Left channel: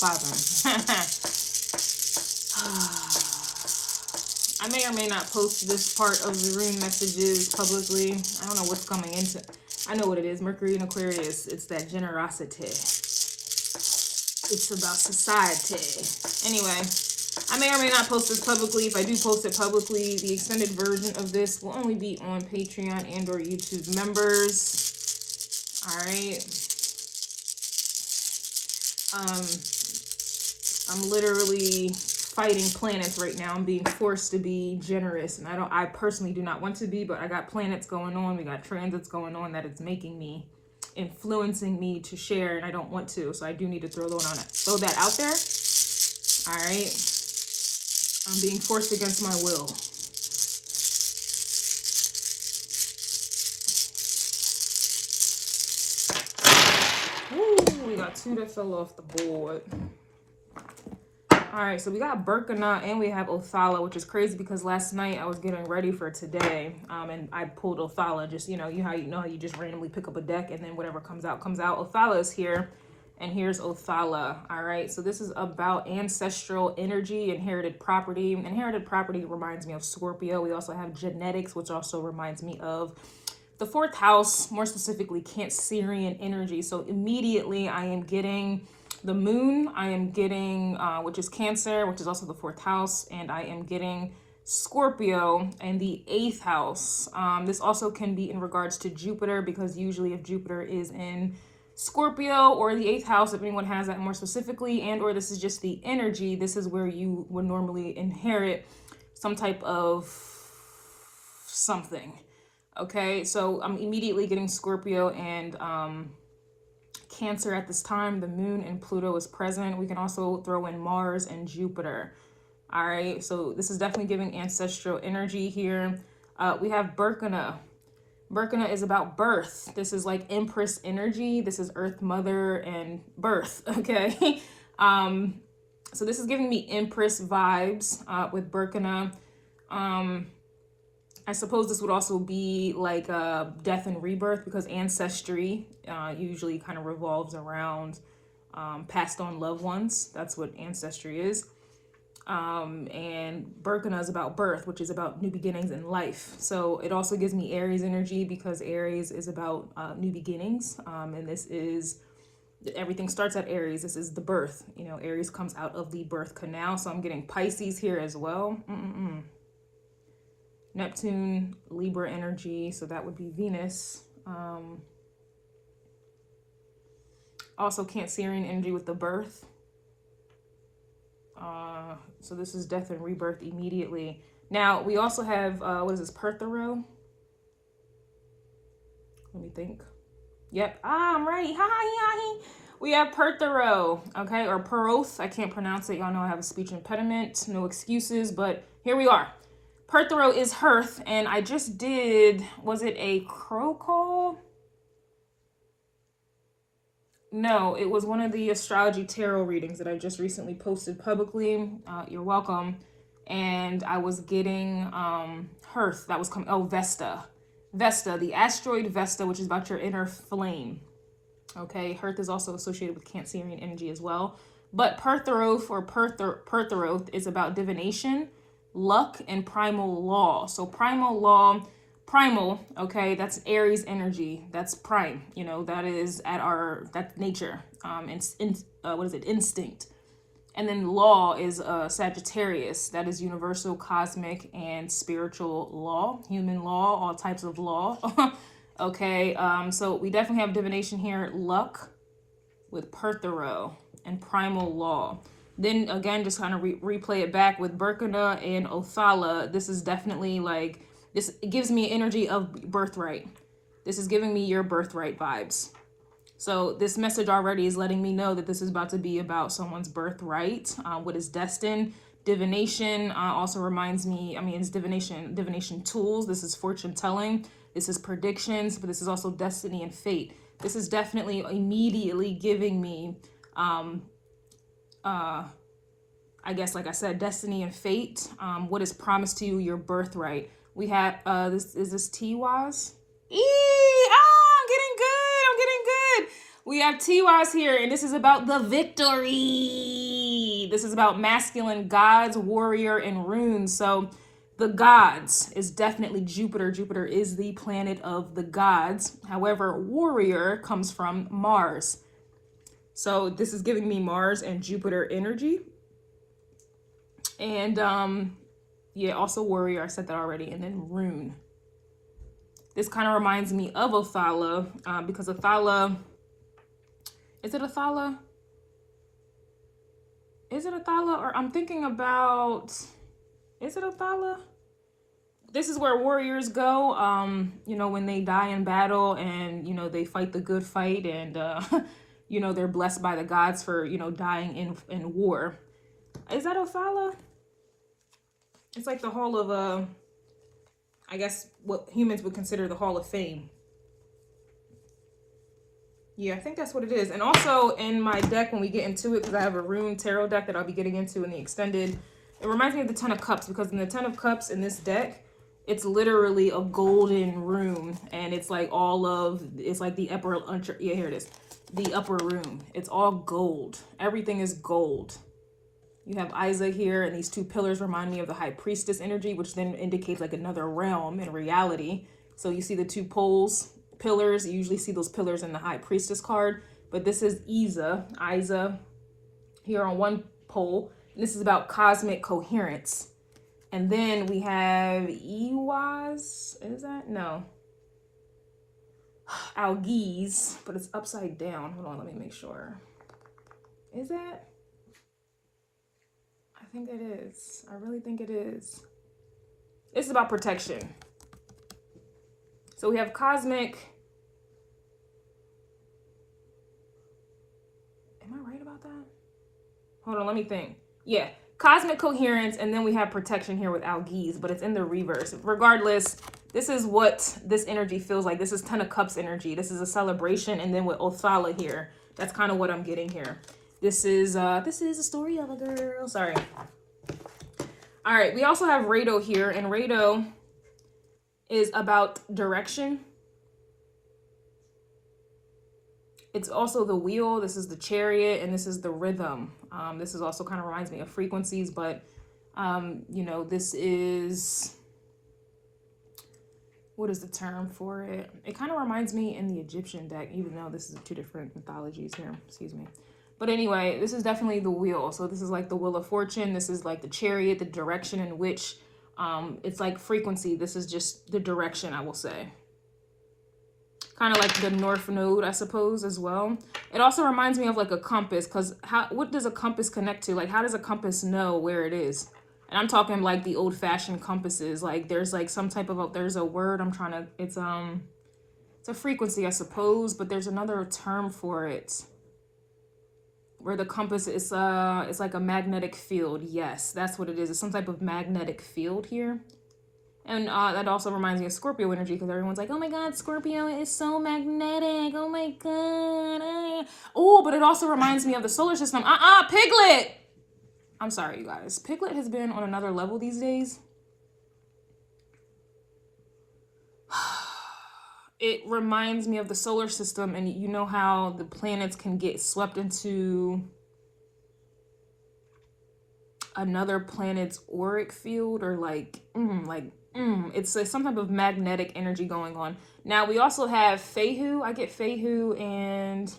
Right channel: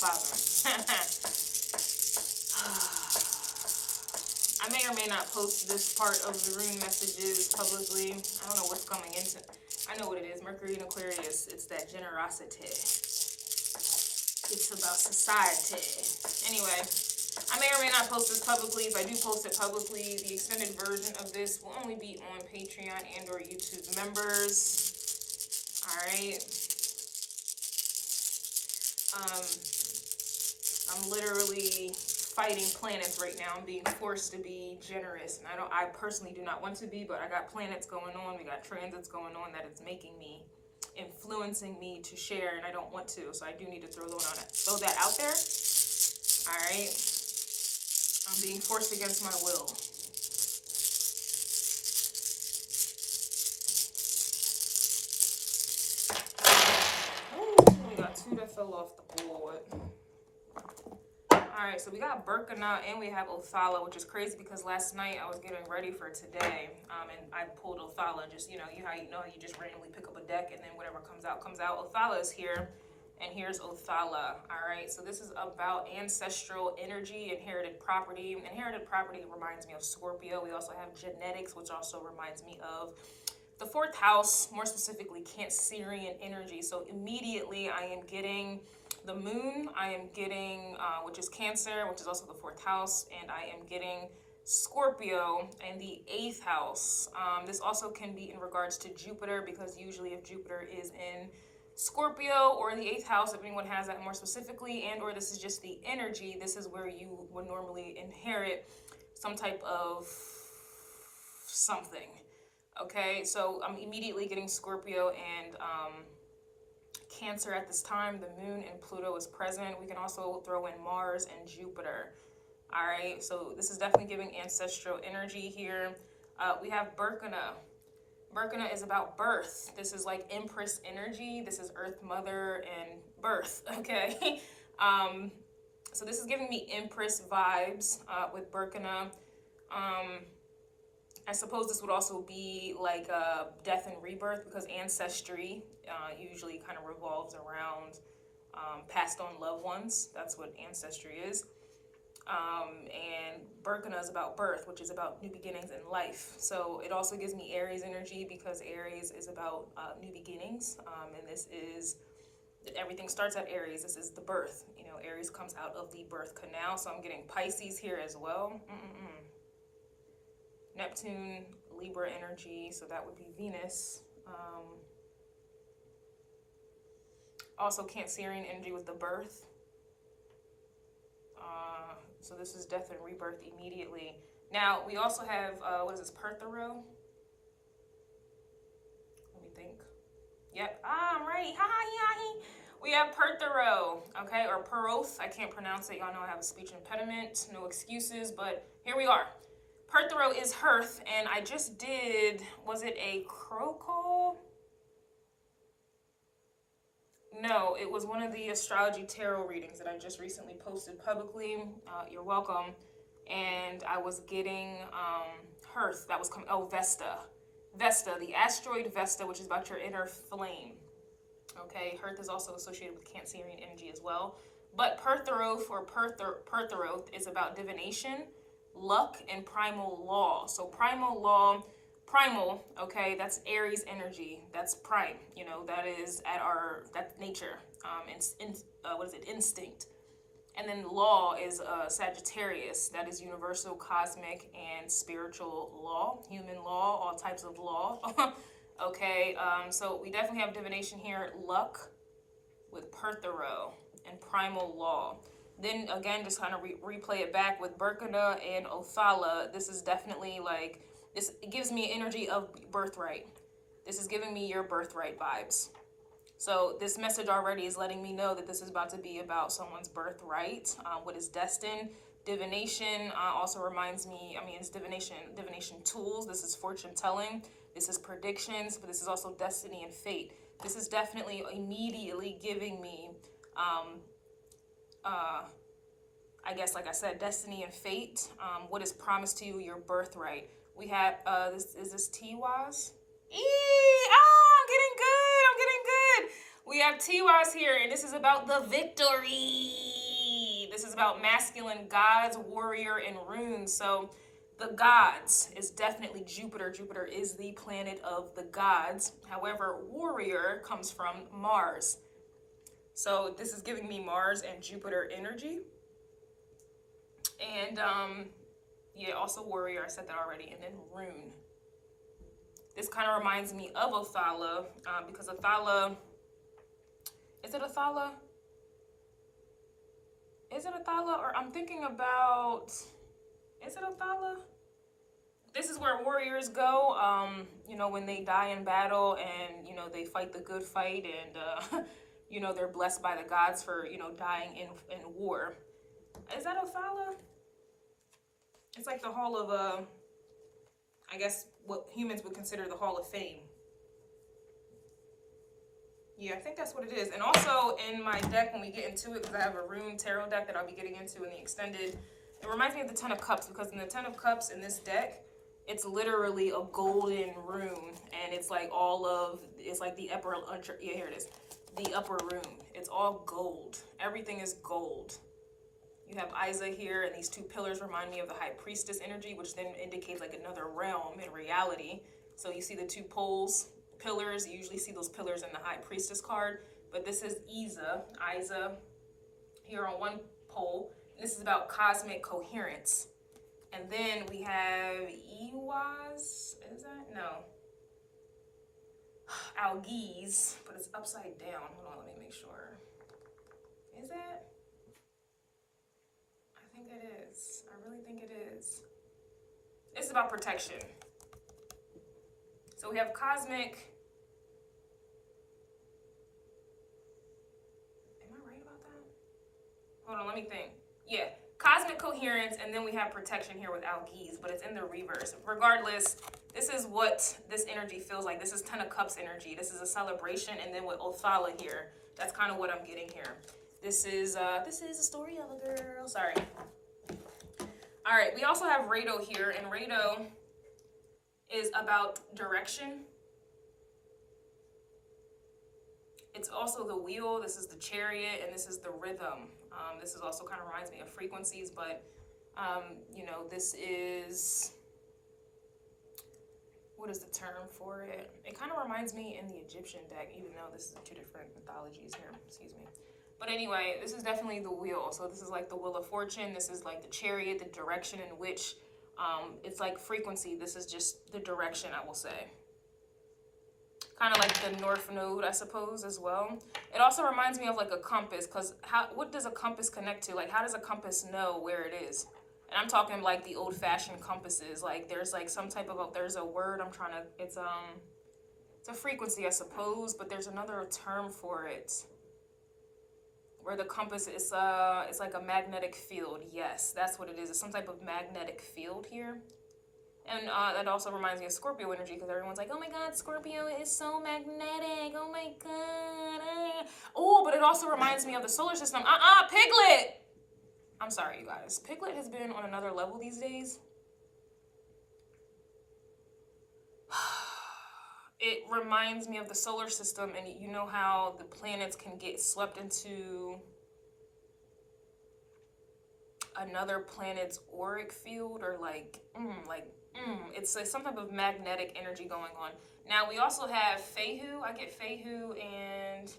bothering. I may or may not post this part of the rune messages publicly. I don't know what's coming into. I know what it is. Mercury in Aquarius. It's that generosity. It's about society. Anyway, I may or may not post this publicly. If I do post it publicly, the extended version of this will only be on Patreon and or YouTube members. All right. I'm literally fighting planets right now. I'm being forced to be generous, and I personally do not want to be, but I got planets going on. We got transits going on that it's making me, influencing me to share, and I don't want to, so I do need to throw that out there. All right. I'm being forced against my will. Ooh, we got two that fell off the board. All right, so we got Berkana and we have Othala, which is crazy because last night I was getting ready for today, and I pulled Othala. Just, you know how you just randomly pick up a deck and then whatever comes out comes out. Othala is here, and here's Othala. All right, so this is about ancestral energy, inherited property. Inherited property reminds me of Scorpio. We also have genetics, which also reminds me of the fourth house, more specifically Cancerian energy. So immediately I am getting the moon, I am getting, which is Cancer, which is also the fourth house, and I am getting Scorpio and the 8th house. This also can be in regards to Jupiter, because usually if Jupiter is in Scorpio or the 8th house, if anyone has that more specifically, and or this is just the energy, this is where you would normally inherit some type of something. Okay, so I'm immediately getting Scorpio and Cancer at this time. The moon and Pluto is present. We can also throw in Mars and Jupiter. All right, so this is definitely giving ancestral energy here. We have Berkana. Berkana is about birth. This is like Empress energy. This is Earth Mother and birth, okay? So this is giving me Empress vibes with Berkana. I suppose this would also be like death and rebirth, because ancestry usually kind of revolves around passed on loved ones. That's what ancestry is. And Berkana is about birth, which is about new beginnings in life. So it also gives me Aries energy, because Aries is about new beginnings. And this is, everything starts at Aries. This is the birth. You know, Aries comes out of the birth canal. So I'm getting Pisces here as well. Neptune, Libra energy, so that would be Venus. Also Cancerian energy with the birth. So this is death and rebirth immediately. Now, we also have, what is this, Perthero? Let me think. Yep, I'm right. Hi. We have Perthero, okay, or Peroth. I can't pronounce it. Y'all know I have a speech impediment. No excuses, but here we are. Perthero is Hearth, and I just did, was it a crow call? No, it was one of the astrology tarot readings that I just recently posted publicly. You're welcome. And I was getting Hearth, that was coming, oh, Vesta. Vesta, the asteroid Vesta, which is about your inner flame. Okay, Hearth is also associated with Cancerian energy as well. But Pertheroth or Pertheroth is about divination, luck, and primal law. So primal law, primal, okay, that's Aries energy. That's prime, you know, that is at our, that's nature. What is it? Instinct. And then law is Sagittarius. That is universal, cosmic, and spiritual law, human law, all types of law. Okay, so we definitely have divination here, luck with Perthero and primal law. Then again, just kind of replay it back with Berkana and Othala. This is definitely like, this, it gives me energy of birthright. This is giving me your birthright vibes. So this message already is letting me know that this is about to be about someone's birthright, what is destined. Divination also reminds me, I mean, it's divination tools. This is fortune telling. This is predictions, but this is also destiny and fate. This is definitely immediately giving me, I guess, like I said, destiny and fate, what is promised to you, your birthright. We have, this, is this T-Waz? I'm getting good. We have TYs here, and this is about the victory. This is about masculine gods, warrior, and runes. So the gods is definitely Jupiter. Jupiter is the planet of the gods. However, warrior comes from Mars. So this is giving me Mars and Jupiter energy. And yeah, also warrior, I said that already. And then rune. This kind of reminds me of Othala, because Othala, is it Othala? Is it Othala? Or I'm thinking about, is it Othala? This is where warriors go, you know, when they die in battle and, you know, they fight the good fight and, you know, they're blessed by the gods for, you know, dying in war. Is that Othala? It's like the hall of, I guess what humans would consider the Hall of Fame. Yeah, I think that's what it is. And also in my deck, when we get into it, because I have a rune tarot deck that I'll be getting into in the extended, it reminds me of the Ten of Cups, because in the Ten of Cups in this deck, it's literally a golden rune, and it's like all of, it's like the upper, yeah, here it is, the upper rune. It's all gold. Everything is gold. You have Isa here, and these two pillars remind me of the High Priestess energy, which then indicates like another realm in reality. So you see the two poles, pillars. You usually see those pillars in the High Priestess card, but this is Isa here on one pole. And this is about cosmic coherence. And then we have Iwas, is that? No. Algiz, but it's upside down. Hold on, let me make sure. Is that? I think it is. I really think it is. This is about protection. So we have cosmic. Am I right about that? Hold on, let me think. Yeah, cosmic coherence, and then we have protection here with Algiz, but it's in the reverse. Regardless, this is what this energy feels like. This is Ten of Cups energy. This is a celebration, and then with Othala here, that's kind of what I'm getting here. This is a story of a girl. Sorry. All right, we also have Rado here, and Rado is about direction. It's also the wheel. This is the chariot, and this is the rhythm. This is also kind of reminds me of frequencies, but you know, this is, what is the term for it? It kind of reminds me in the Egyptian deck, even though this is two different mythologies here. Excuse me. But anyway, this is definitely the wheel. So this is like the wheel of fortune. This is like the chariot, the direction in which it's like frequency. This is just the direction, I will say. Kind of like the North Node, I suppose, as well. It also reminds me of like a compass, because what does a compass connect to? Like, how does a compass know where it is? And I'm talking like the old-fashioned compasses. Like, there's like some type of, there's a word I'm trying to, it's a frequency, I suppose, but there's another term for it. Where the compass is, it's like a magnetic field. Yes, that's what it is. It's some type of magnetic field here. And that also reminds me of Scorpio energy, because everyone's like, oh my God, Scorpio is so magnetic. Oh my God. Oh, but it also reminds me of the solar system. Piglet. I'm sorry, you guys. Piglet has been on another level these days. It reminds me of the solar system, and you know how the planets can get swept into another planet's auric field, or it's some type of magnetic energy going on. Now we also have Fehu. I get Fehu and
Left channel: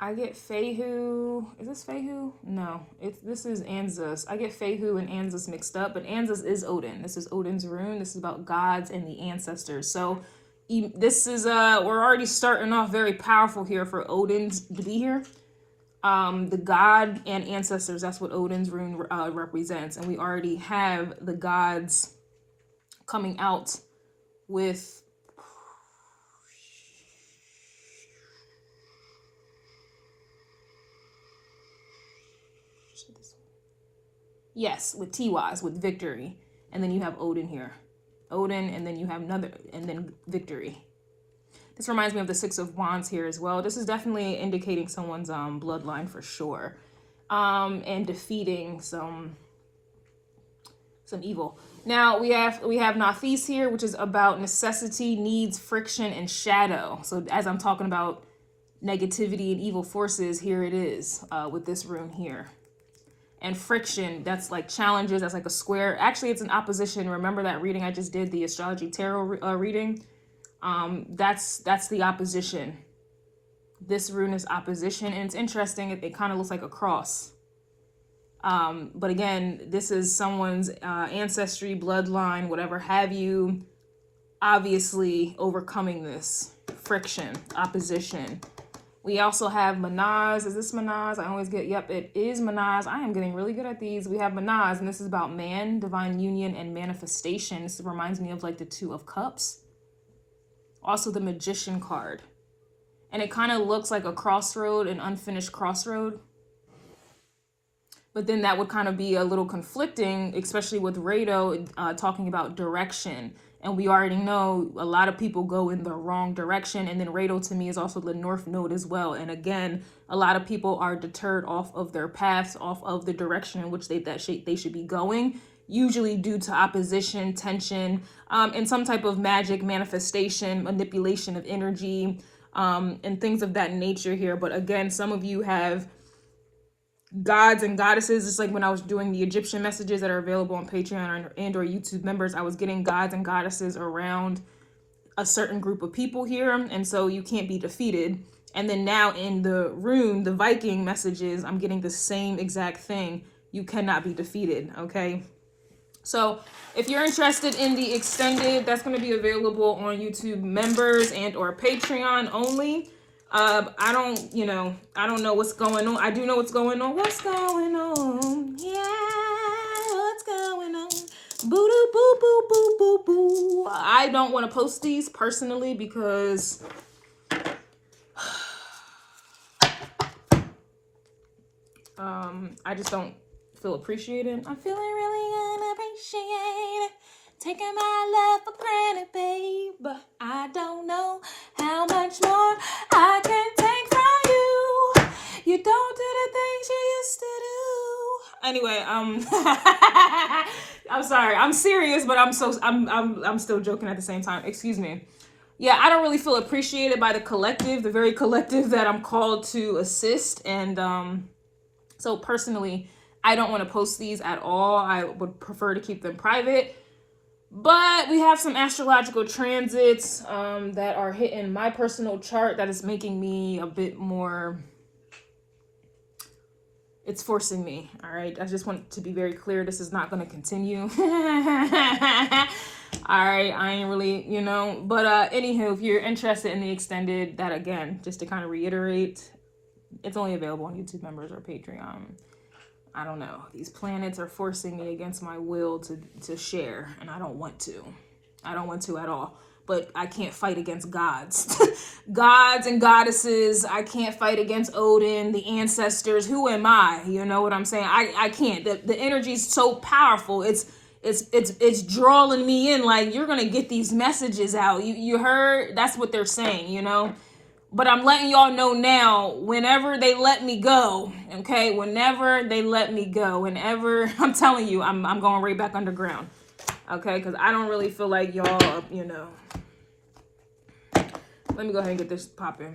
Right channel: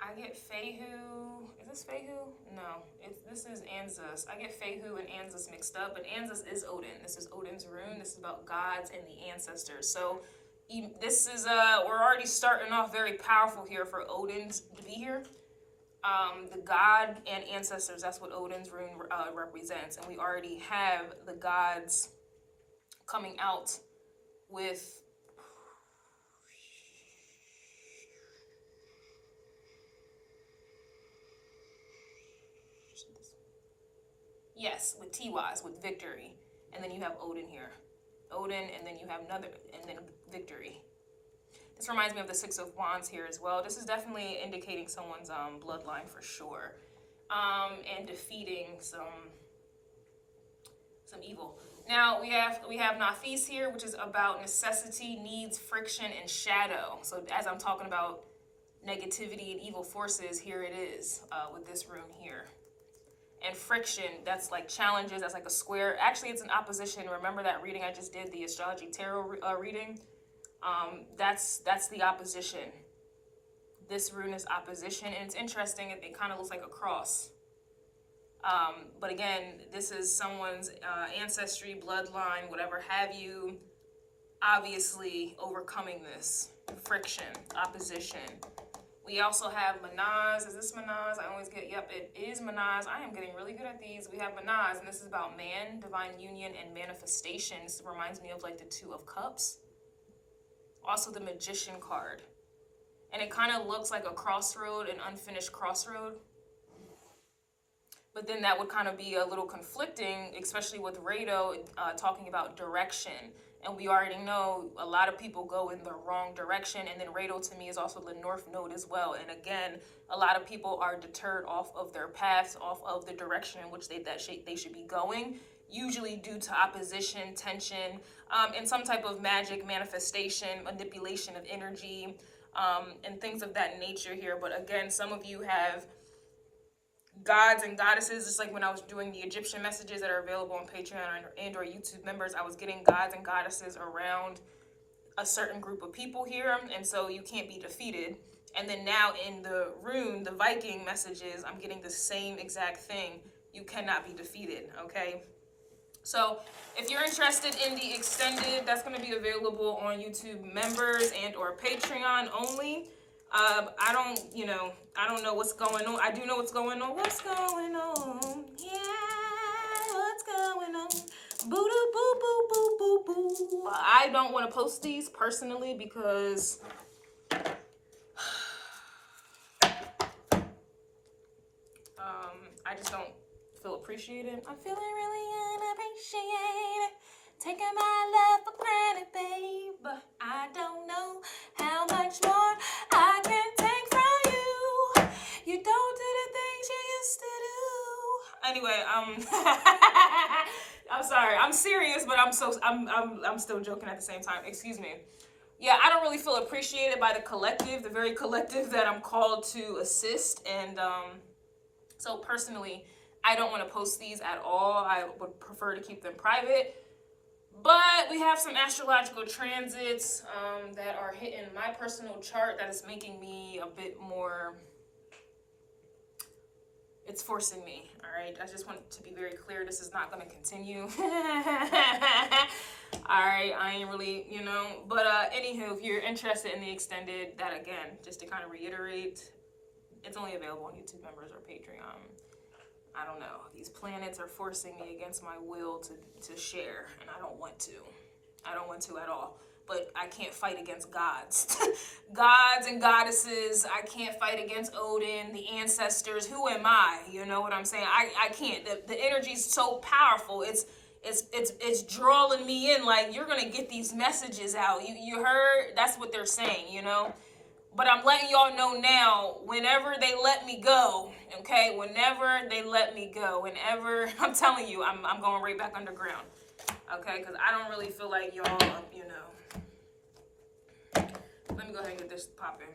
I get Fehu. Is this Fehu? No, this is Ansuz. I get Fehu and Ansuz mixed up, but Ansuz is Odin. This is Odin's rune. This is about gods and the ancestors. So this is we're already starting off very powerful here for Odin to be here. The god and ancestors, that's what Odin's rune represents, and we already have the gods coming out with with TYs, with victory, and then you have Odin here. Odin, and then you have another, and then victory. This reminds me of the Six of Wands here as well. This is definitely indicating someone's bloodline for sure. And defeating some some evil. Now we have Nafis here, which is about necessity, needs, friction, and shadow. So as I'm talking about negativity and evil forces, here it is with this rune here. And friction, that's like challenges, that's like a square. Actually, it's an opposition. Remember that reading I just did, the astrology tarot reading? That's the opposition. This rune is opposition, and it's interesting. It kind of looks like a cross. But again, this is someone's ancestry, bloodline, whatever have you, obviously overcoming this friction, opposition. We also have Manaz. Is this Manaz? I always get, yep, it is Manaz. I am getting really good at these. We have Manaz, and this is about man, divine union, and manifestation. This reminds me of like the Two of Cups. Also the Magician card. And it kind of looks like a crossroad, an unfinished crossroad. But then that would kind of be a little conflicting, especially with Rado talking about direction. And we already know a lot of people go in the wrong direction. And then Rado to me is also the North Node as well. And again, a lot of people are deterred off of their paths, off of the direction in which they should be going, usually due to opposition, tension, and some type of magic manifestation, manipulation of energy, and things of that nature here. But again, some of you have gods and goddesses. Just like when I was doing the Egyptian messages that are available on Patreon and or YouTube members, I was getting gods and goddesses around a certain group of people here, and so you can't be defeated. And then now in the rune, the Viking messages, I'm getting the same exact thing. You cannot be defeated. Okay, so if you're interested in the extended, that's going to be available on YouTube members and or Patreon only. I don't know what's going on. I do know what's going on. What's going on? Yeah, what's going on? Boo doo boo boo boo boo boo. I don't want to post these personally because I just don't feel appreciated. I'm feeling really unappreciated. Taking my love for granted, babe. But I don't know how much more I can take from you. You don't do the things you used to do. Anyway, I'm sorry. I'm serious, but I'm still joking at the same time. Excuse me. Yeah, I don't really feel appreciated by the collective, the very collective that I'm called to assist. And so personally, I don't want to post these at all. I would prefer to keep them private. But we have some astrological transits that are hitting my personal chart that is making me a bit more, it's forcing me, all right? I just want to be very clear, this is not going to continue. All right, I ain't really, but anywho, if you're interested in the extended, that again, just to kind of reiterate, it's only available on YouTube members or Patreon. I don't know. These planets are forcing me against my will to share, and I don't want to. I don't want to at all. But I can't fight against gods. Gods and goddesses. I can't fight against Odin, the ancestors. Who am I? You know what I'm saying? I can't. The energy is so powerful. It's drawing me in. Like, you're gonna get these messages out. You heard? That's what they're saying. But I'm letting y'all know now, whenever they let me go, okay? Whenever they let me go, whenever, I'm telling you, I'm going right back underground, okay? Because I don't really feel like y'all, Let me go ahead and get this popping.